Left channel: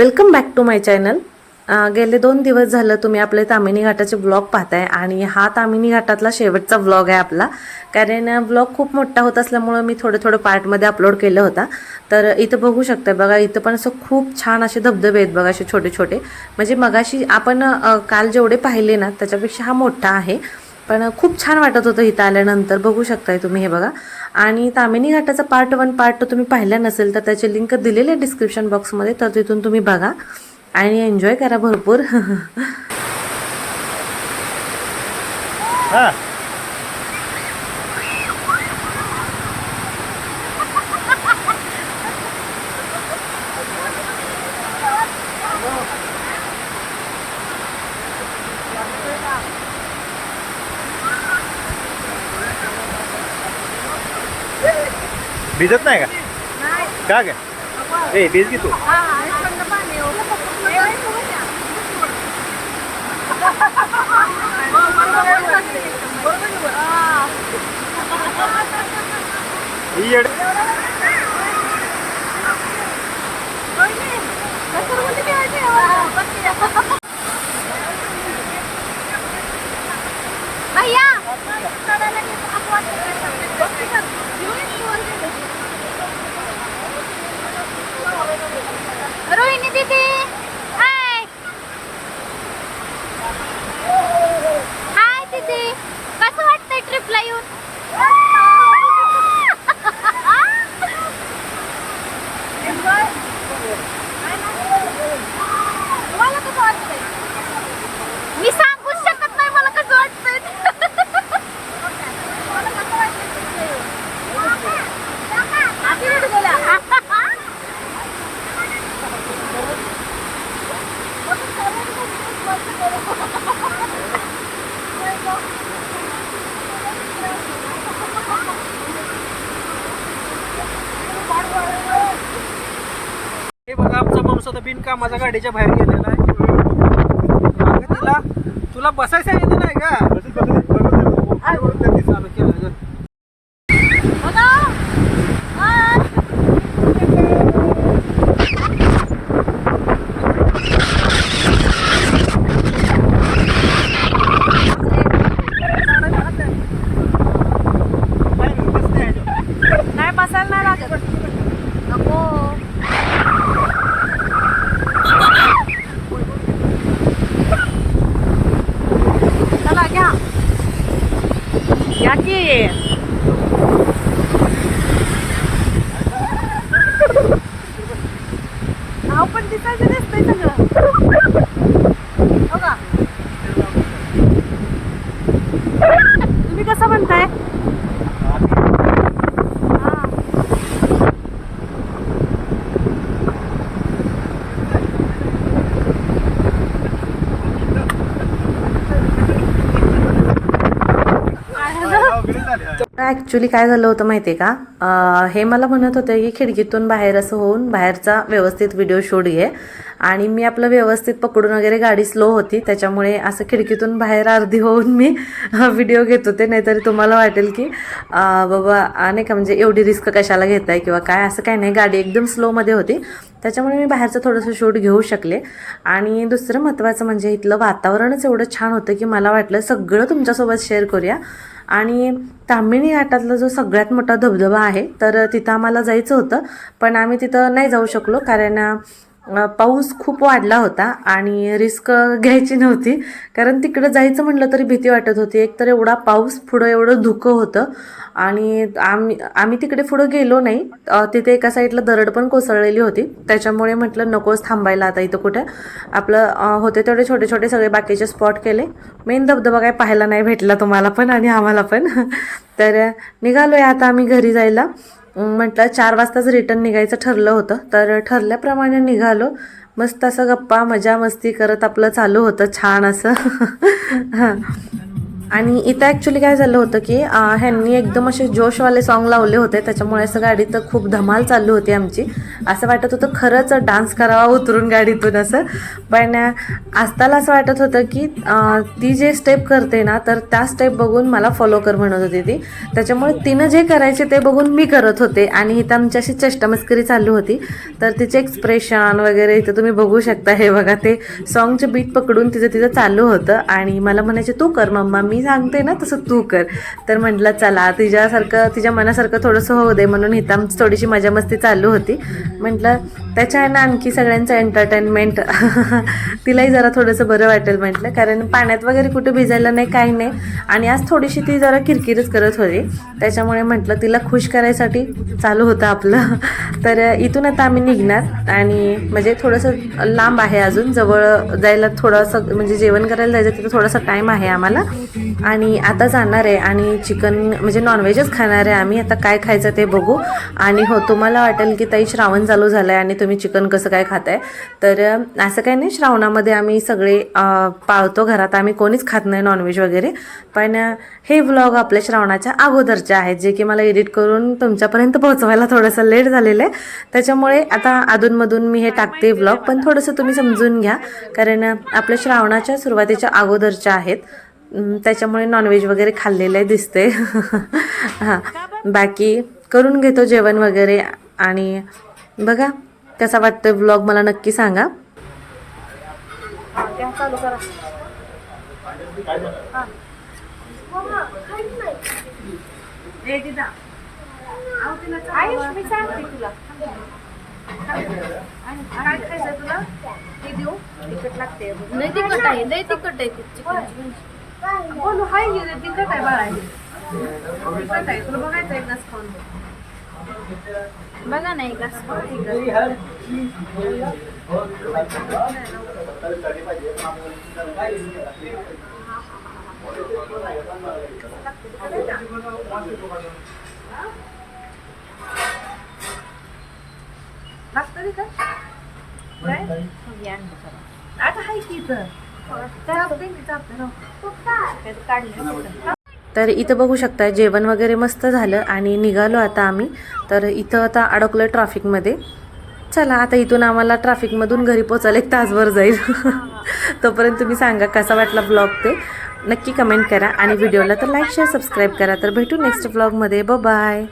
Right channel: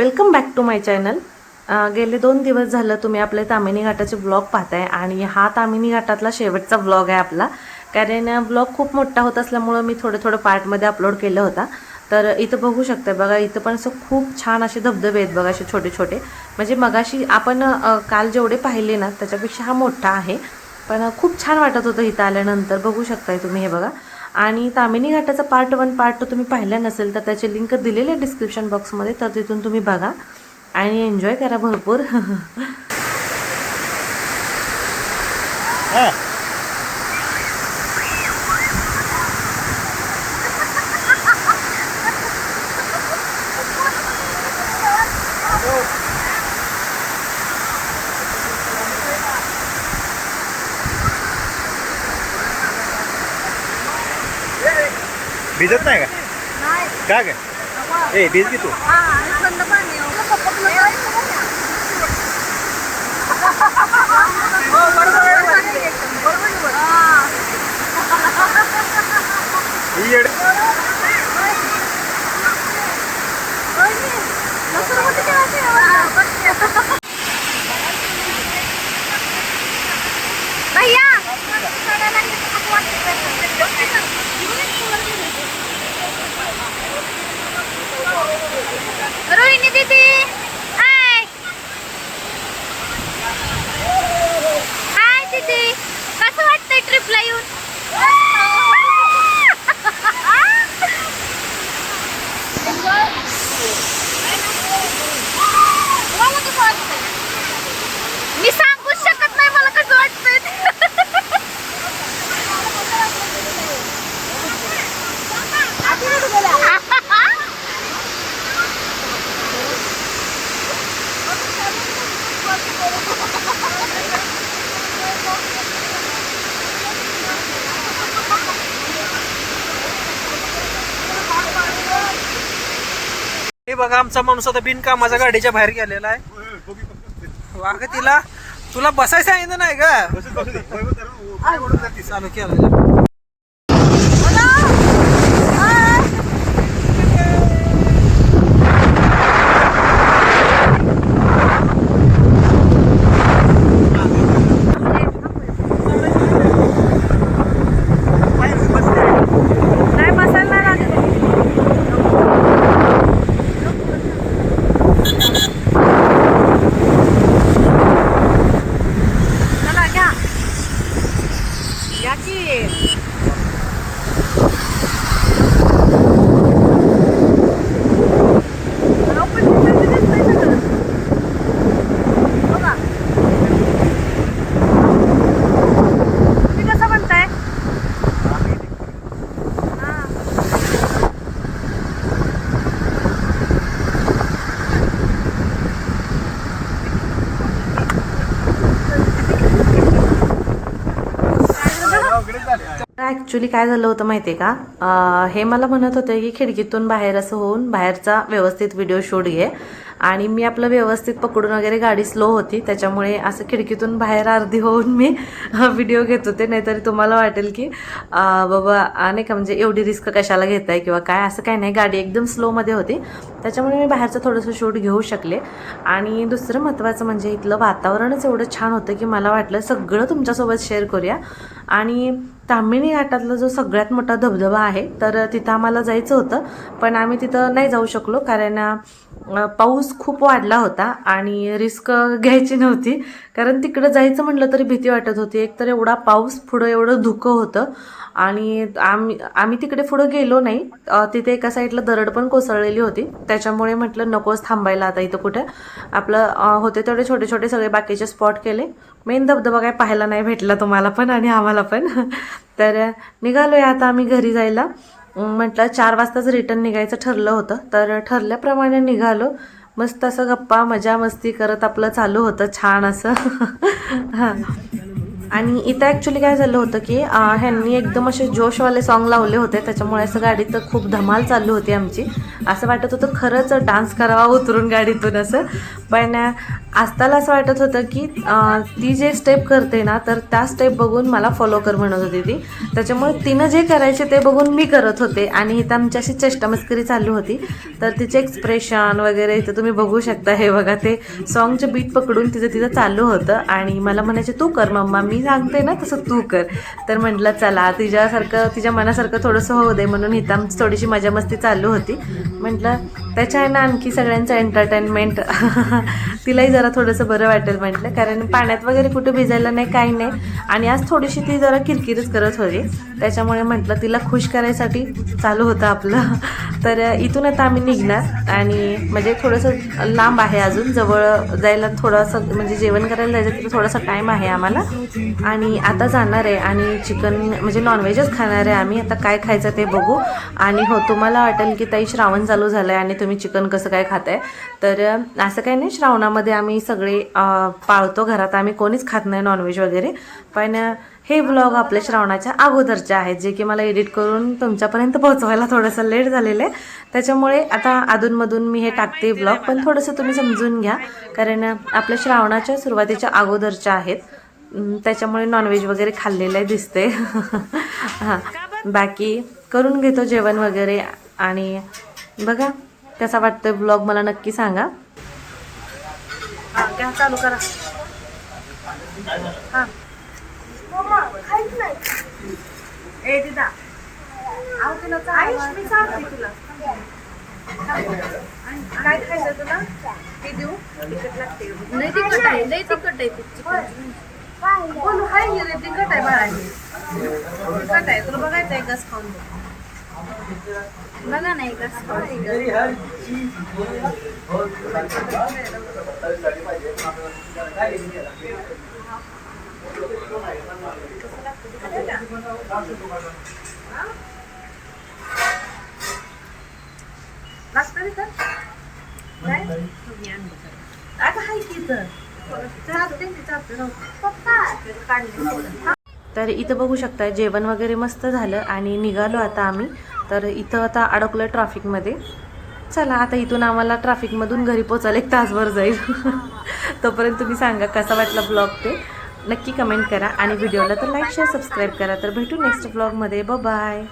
Welcome back to my channel गेले दोन दिवस झालं तुम्ही आपले तामिनी घाटाचे ब्लॉग पाहताय आणि हा तामिनी घाटातला शेवटचा ब्लॉग आहे आपला. कारण ब्लॉग खूप मोठा होत असल्यामुळं मी थोडं थोडं पार्टमध्ये अपलोड केलं होता. तर इथं बघू शकताय बघा इथं पण असं खूप छान असे धबधबे आहेत बघा असे छोटे छोटे. म्हणजे मगाशी आपण काल जेवढे पाहिले ना त्याच्यापेक्षा हा मोठा आहे. पण खूप छान वाटत होतं इथं आल्यानंतर. बघू शकताय तुम्ही हे बघा. आणि तामिनी घाटाचा पार्ट वन पार्ट टू तुम्ही पाहिला नसेल तर त्याचे लिंक दिलेले आहे डिस्क्रिप्शन बॉक्समध्ये तर तिथून तुम्ही बघा आणि एन्जॉय करा भरपूर. भिजत नाही का का काय ए भिज की तू। ही येड भैया। रोहिणी दीदी हाय हाय दीदी कसं वाटतंय ट्रिपला येऊन मला कसं वाटतंय मी सांगूच शकत नाही मला कसं वाटतंय हे बघा आमचा माणूस आता बिनकामाचा गाडीच्या बाहेर गेलेला आहे. मागं तिला तुला बसायचं सांगितलं नाही का चालू केलं नाही बसायला नाही लागत नको चला घ्या या की नाव पण दिसायचं दिसतंय सगळं. हो का? तुम्ही कसं म्हणताय हा ॲक्च्युली काय झालं होतं माहिती आहे का हे मला म्हणत होते की खिडकीतून बाहेर असं होऊन बाहेरचा व्यवस्थित व्हिडिओ शूट घे. आणि मी आपलं व्यवस्थित पकडून वगैरे गाडी स्लो होती. त्याच्यामुळे असं खिडकीतून बाहेर अर्धी होऊन मी व्हिडिओ घेत होते. नाहीतरी तुम्हाला वाटेल की बाबा नाही का म्हणजे एवढी रिस्क कशाला घेताय किंवा काय? असं काय नाही. गाडी एकदम स्लोमध्ये होती. त्याच्यामुळे मी बाहेरचं थोडंसं शूट घेऊ शकले. आणि दुसरं महत्त्वाचं म्हणजे इथलं वातावरणच एवढं छान होतं की मला वाटलं सगळं तुमच्यासोबत शेअर करूया. आणि तामिणी घाटातला जो सगळ्यात मोठा धबधबा आहे तर तिथं आम्हाला जायचं होतं. पण आम्ही तिथं नाही जाऊ शकलो कारण पाऊस खूप वाढला होता आणि रिस्क घ्यायची नव्हती. कारण तिकडं जायचं म्हटलं तरी भीती वाटत होती. एकतर एवढा पाऊस पुढं एवढं धुकं होतं. आणि आम्ही आम्ही तिकडे पुढं गेलो नाही. तिथे एका साईडला दरड पण कोसळलेली होती. त्याच्यामुळे म्हटलं नकोच थांबायला आता इथं कुठं. आपलं होते तेवढे छोटे छोटे सगळे बाकीचे स्पॉट केले. मेन धबधबा काय पाहायला नाही भेटला तुम्हाला पण आणि आम्हाला पण. तर निघालोय आता आम्ही घरी जायला. म्हटलं चार वाजताच रिटर्न निघायचं ठरलं होतं. तर ठरल्याप्रमाणे निघालो. मस्त असं गप्पा मजा मस्ती करत आपलं चालू होतं. छान असं. हां. आणि इथं ॲक्च्युली काय झालं होतं की ह्यांनी एकदम असे जोशवाले सॉन्ग लावले होते. त्याच्यामुळे असं गाडीत खूप धमाल चालली होती आमची. असं वाटत होतं खरंच डान्स करावा उतरून गाडीतून असं. पण अं, आस्ताला असं वाटत होतं की ती जे स्टेप करते ना तर त्या स्टेप बघून मला फॉलो कर म्हणत होती ती. त्याच्यामुळे तिनं जे करायचे ते बघून मी करत होते. आणि इथं आमची अशी चेष्टामस्करी चालू होती. तर तिचे एक्सप्रेशन वगैरे इथं तुम्ही बघू शकता. हे बघा ते सॉन्गचे बीट पकडून तिचं तिचं चालू होतं. आणि मला म्हणायचे तू कर मम्मा मी मी सांगते ना तसं तू कर. तर म्हटलं चला तिच्यासारखं तिच्या मनासारखं थोडंसं होऊ दे म्हणून हिताम थोडीशी मजा मस्ती चालू होती. म्हटलं त्याच्या आहे ना आणखी सगळ्यांचं एंटरटेनमेंट तिलाही जरा थोडंसं बरं वाटेल म्हटलं. कारण पाण्यात वगैरे कुठं भिजायला नाही काही नाही. आणि आज थोडीशी ती जरा किरकिरच करत होती. त्याच्यामुळे म्हटलं तिला खुश करायसाठी चालू होतं आपलं. तर इथून आता आम्ही निघणार. आणि म्हणजे थोडंसं लांब आहे अजून. जवळ जायला थोडंसं म्हणजे जेवण करायला जायचं तिथं थोडासा टाईम आहे आम्हाला. आणि आता जाणार आहे. आणि चिकन म्हणजे नॉनव्हेजच खाणार आहे आम्ही. आता काय खायचं ते बघू. आणि हो तुम्हाला वाटेल की ताई श्रावण चालू झालं आहे आणि तुम्ही चिकन कसं काय खाताय? तर असं काही नाही श्रावणामध्ये आम्ही सगळे पाळतो घरात. आम्ही कोणीच खात नाही नॉनव्हेज वगैरे. पण हे व्लॉग आपल्या श्रावणाच्या अगोदरचे आहेत जे की मला एडिट करून तुमच्यापर्यंत पोहोचवायला थोडंसं लेट झालेलं आहे. त्याच्यामुळे आता अधूनमधून मी हे टाकते व्लॉग पण थोडंसं तुम्ही समजून घ्या. कारण आपल्या श्रावणाच्या सुरुवातीच्या अगोदरच्या आहेत. त्याच्यामुळे नॉनव्हेज वगैरे खाल्लेलं दिसते हां. बाकी करून घेतो जेवण वगैरे. आणि बघा कसा वाटतं ब्लॉग मला नक्की सांगा. हां चालू करा. ए दिदा. आव तिला मी सांगते तुला. काय खायचं तुला? ते देऊ. तिखट लागते. तिखट आहे लय तिखट आहे ते चिकन. बोलू हाय गे तिखट आहे बाळा हे. तिखट आहे तुला बघायचं आहे गस खाऊन? बघा नाही का आता हाय की इथं तर इथं बघू शकता जेवण वगैरे मस्त झालं आणि निघालो आता आम्ही. तर इथं आता अडकलं ट्रॅफिकमध्ये. चला आता इथून आम्हाला ट्रॅफिकमधून घरी पोचायला एक तासभर जाईल. तोपर्यंत तुम्ही सांगा कसा वाटला ब्लॉग ते. नक्की कमेंट करा आणि व्हिडिओला तर लाईक शेअर सबस्क्राईब करा. तर भेटू नेक्स्ट ब्लॉगमध्ये ब बाय